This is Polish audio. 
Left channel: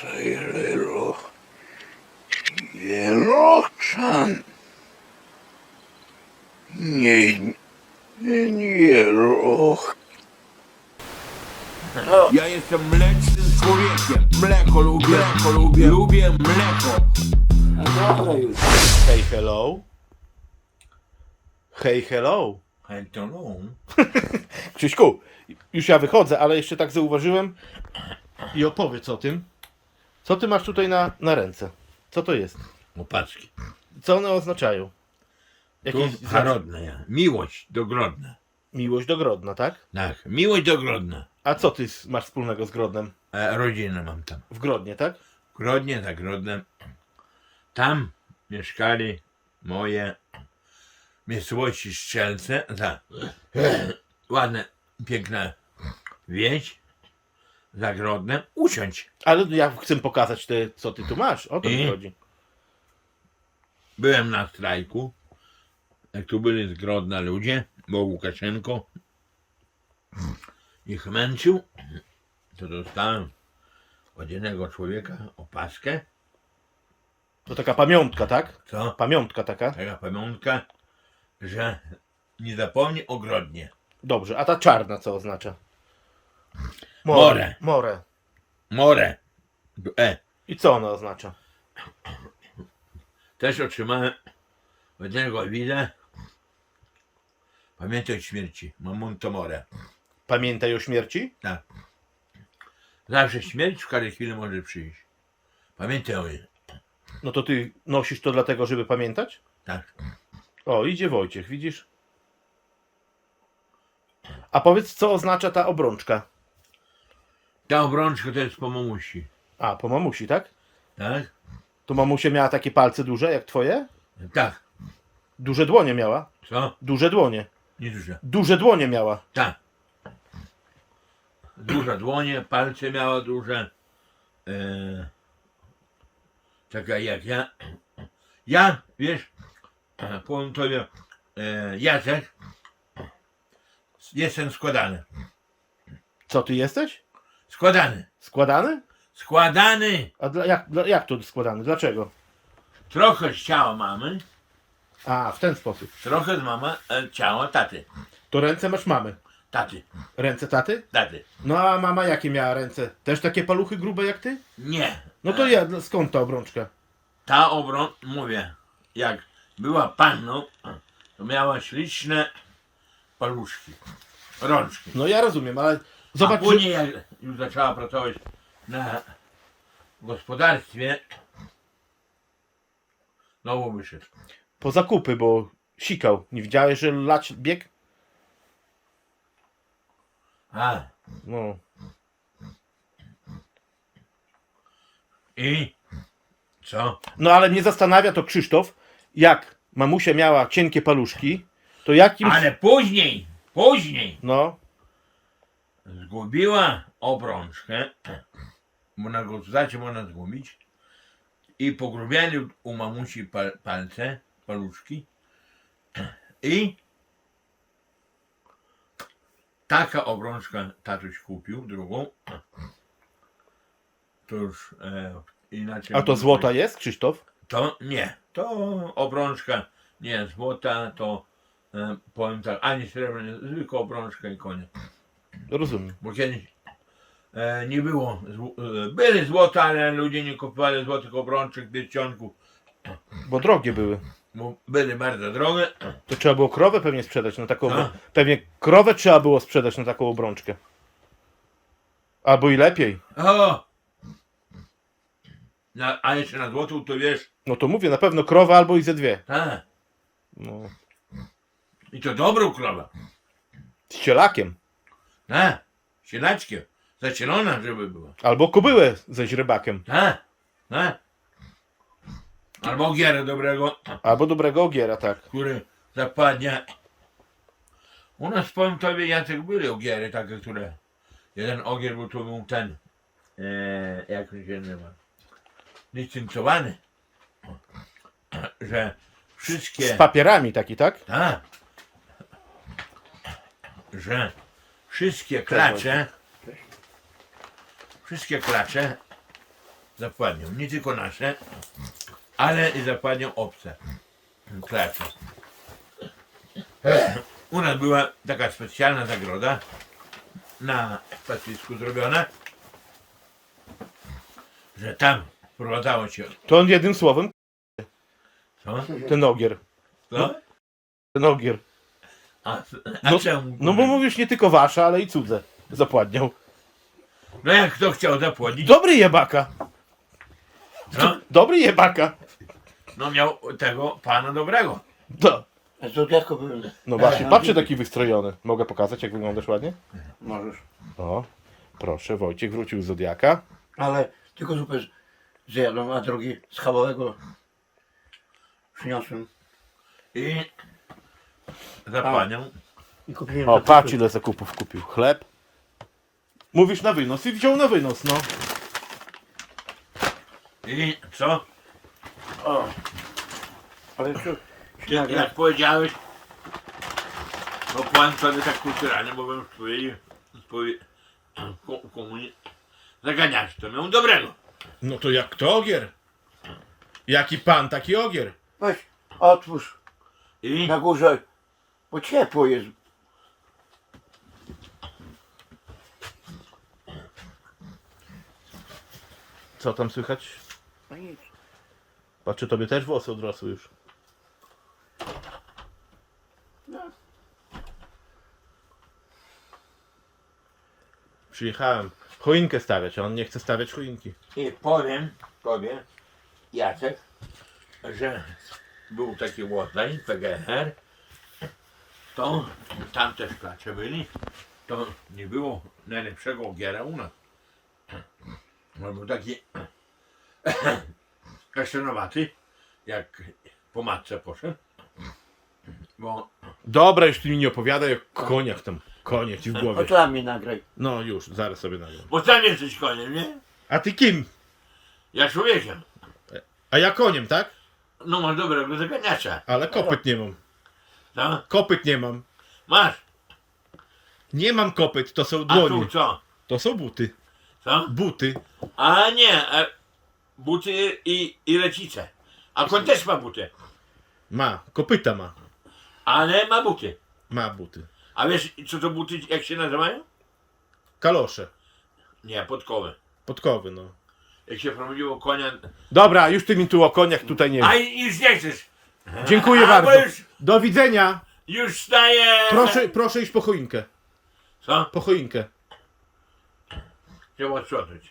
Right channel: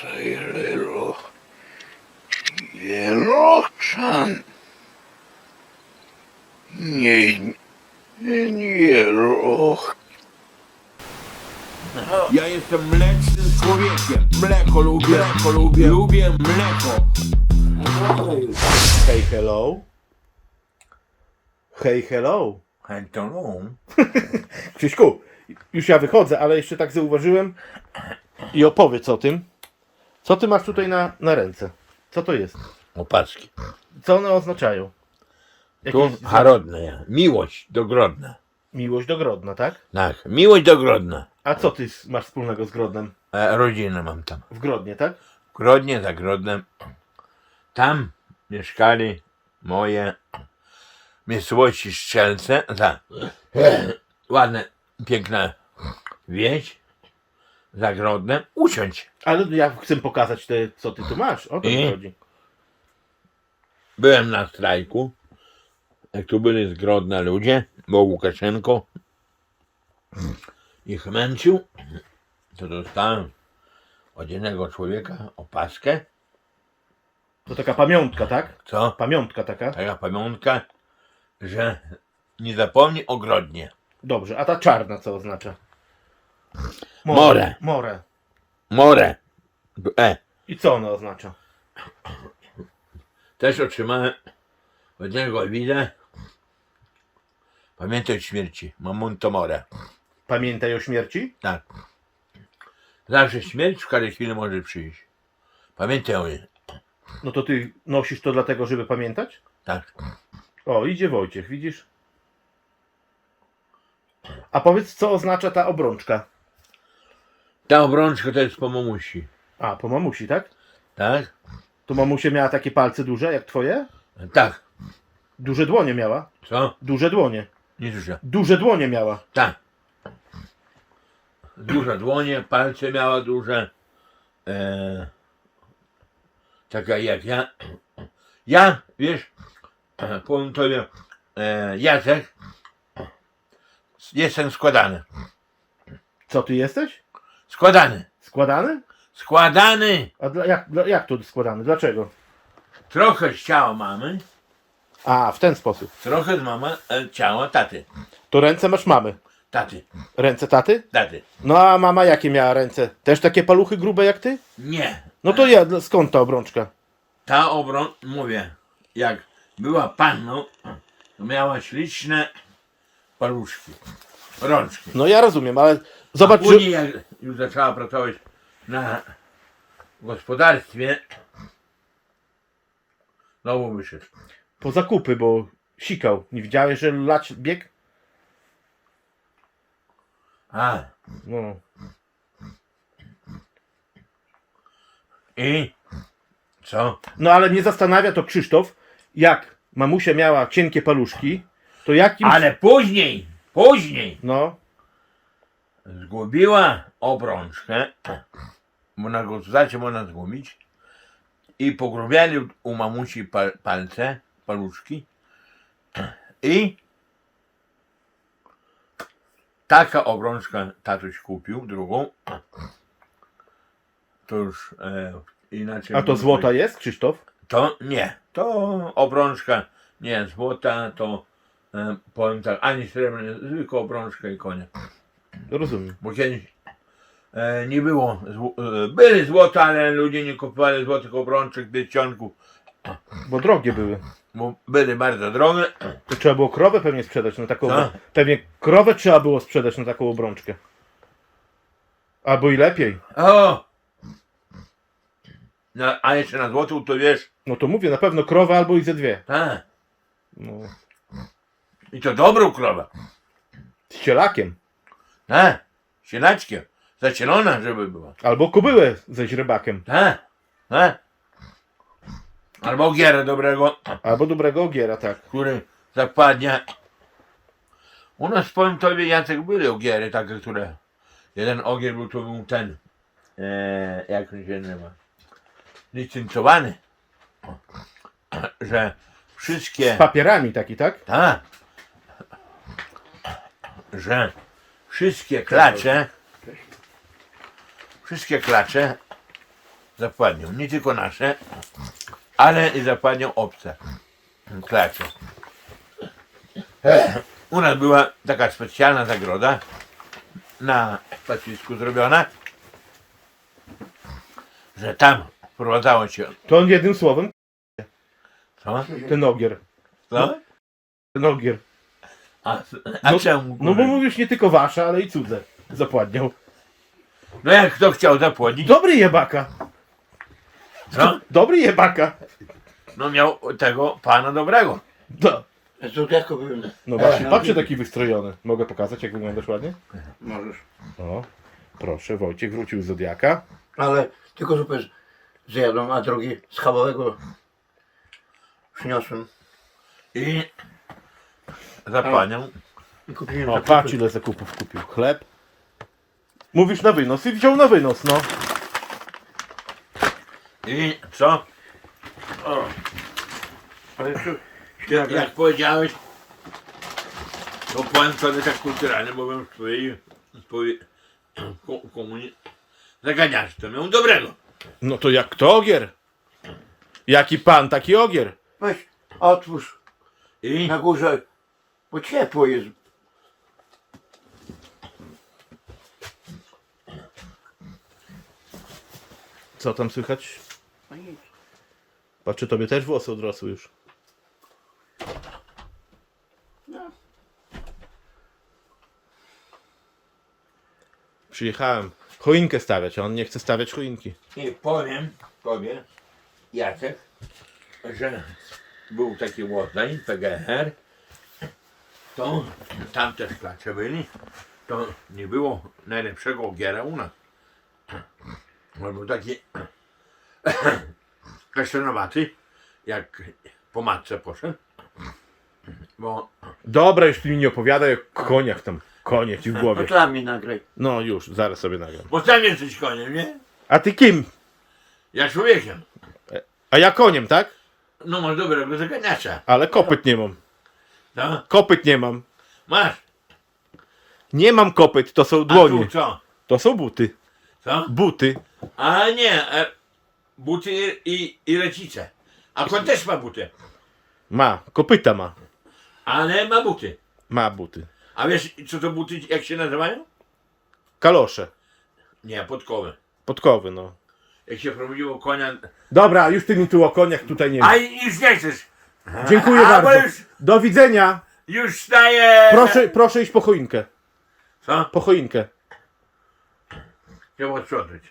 Sejrelo. Jeroczan. Nie, nie, nie, roch. Ja jestem mlecznym człowiekiem. Mleko lubię, mleko lubię, lubię mleko. Hej, hello. Hej, hello. Hello. Krzyśku, już ja wychodzę, ale jeszcze tak zauważyłem i opowiedz o tym. Co ty masz tutaj na, na ręce? Co to jest? Opaski. Co one oznaczają? Tu Jakieś zna- harodne ja. Miłość do Grodna. Miłość do Grodna, tak? Tak, miłość do Grodna. A co ty s- masz wspólnego z Grodnem? E, rodzinę mam tam. W Grodnie, tak? W Grodnie, za Grodnem. Tam mieszkali moje miejscowości Strzelce. Za, ładne, piękna wieś. Za Grodnem. Usiądź. Ale ja chcę pokazać te, co ty tu masz. O to mi chodzi. Byłem na strajku, jak tu byli z Grodna ludzie, bo Łukaszenko ich męczył, to dostałem od jednego człowieka opaskę, To taka pamiątka, tak? co? Pamiątka taka. Taka pamiątka, że nie zapomni o Grodnie. Dobrze, a ta czarna co oznacza? More. More. More. E, I co ona oznacza? też otrzymałem od jednego widza Pamiętaj o śmierci, Mamunto More. Pamiętaj o śmierci? Tak. Zawsze śmierć w każdej chwili może przyjść. Pamiętaj o niej. No to ty nosisz to dlatego, żeby pamiętać? Tak. O, idzie Wojciech, widzisz? A powiedz, co oznacza ta obrączka? Ta obrączka to jest po mamusi. A, po mamusi, tak? Tak? To mamusia miała takie palce duże, jak twoje? Tak. Duże dłonie miała. Co? Duże dłonie. Nie dużo. Duże dłonie miała. Tak. Duże dłonie, palce miała duże. E, taka jak ja. Ja, wiesz, powiem tobie, e, Jacek, jestem składany. Co ty jesteś? Składany. Składany? Składany. A dla, jak, dla, jak to składany? Dlaczego? Trochę z ciała mamy, A, w ten sposób. trochę z mama e, ciała taty. To ręce masz mamy. Taty, Ręce taty? taty. No a mama jakie miała ręce? Też takie paluchy grube jak ty? Nie. No to ja, skąd ta obrączka? Ta obron, mówię, jak była panną, to miała śliczne paluszki, rączki. No ja rozumiem, ale A zobacz, że... później jak już zaczęła pracować na gospodarstwie, znowu wyszedł. po zakupy, bo sikał. Nie widziałeś, że lać bieg? A, No. i co? No ale mnie zastanawia to Krzysztof, jak mamusia miała cienkie paluszki, to jakim... Ale później, później. No, zgubiła obrączkę, bo na gospodarstwie można zgubić. I pogrubiali u mamusi pal, palce, paluszki. I taka obrączka tatuś kupił, drugą. To już e, inaczej a to złota jest, Krzysztof? to nie, to obrączka nie złota, to powiem tak, ani srebrna, zwykła obrączka i koniec. Rozumiem. Bo kiedyś e, nie było, zł- e, byli złota, ale ludzie nie kupowali złotych obrączek, pierścionków, Bo drogie były. bo byli bardzo drogie. To trzeba było krowę pewnie sprzedać na taką... Co? Pewnie krowę trzeba było sprzedać na taką obrączkę. Albo i lepiej. O! Na, a jeszcze na złotą to wiesz, No to mówię, na pewno krowa albo i ze dwie. tak, No. I to dobrą krowę, Z cielakiem. tak, sielaczkiem, zacielona, żeby była, Albo kobyłę ze źrebakiem. tak, tak. Albo ogierę dobrego, Albo dobrego ogiera, tak. który zapadnie. U nas powiem tobie, Jacek, były ogiery takie, które. Jeden ogier był to był ten. E, jak on się nazywa? Licencjowany. Że wszystkie. Z papierami taki, tak? Tak. Że wszystkie klacze wszystkie klacze zapładnią. Nie tylko nasze, ale i zapładnią obce klacze. U nas była taka specjalna zagroda na pastwisku zrobiona, że tam wprowadzało się. To on jednym słowem, Co? ten ogier. Co? Ten ogier. A, a No- czemu? No bo mówisz nie tylko wasze, ale i cudze zapładnią. No jak kto chciał zapłodnić, Dobry jebaka. co? Dobry jebaka. No miał tego pana dobrego. No, Zodiaku był. no właśnie, patrzcie taki wystrojony. Mogę pokazać jak wyglądasz ładnie? Możesz. O, proszę, Wojciech wrócił z Zodiaka. Ale tylko zupę z- zjadłem, a drugi schabowego przyniosłem. I I kupiłem O, za patrz ile zakupów kupił. Chleb. Mówisz na wynos i wziął na wynos, no. I co? Ale co? Jak, jak powiedziałeś, to pan sobie tak kulturalnie, bo bym w twojej, w twojej ko- komunii zaganiasz, to miał dobrego. No to jak to ogier? Jaki pan, taki ogier. Weź, otwórz I na górze, bo ciepło jest. Co tam słychać? No nic. Patrzę, tobie też włosy odrosły już. Przyjechałem choinkę stawiać, a on nie chce stawiać choinki. I powiem tobie, Jacek, że był taki łodzaj, PGR, to tam też klacze byli, to nie było najlepszego ogiera u nas. On był taki kasztanowaty, jak po matce poszedł, bo Dobra, już ty mi nie opowiadaj o koniach tam. Konie ci w głowie. dla mnie nagraj. No już, zaraz sobie nagram. bo sam jesteś koniem, nie? A ty kim? Ja człowiekiem. A ja koniem, tak? No masz dobrego zaganiacza, Ale kopyt nie mam. Co? Kopyt nie mam. Masz, Nie mam kopyt, to są a dłonie. tu co? To są buty. Co? Buty. A nie, e, buty i, i lecice. A koń też ma buty, Ma, kopyta ma. ale ma buty. Ma buty. A wiesz co to buty, jak się nazywają? Kalosze. Nie, podkowy. Podkowy, no. Jak się prowadziło konia... Dobra, już ty mi tu o koniach tutaj nie A i już nie chcesz. Dziękuję A, bo bardzo. Już, Do widzenia. już staje... Proszę, proszę iść po choinkę. Co? Po choinkę. Trzeba sprzątać.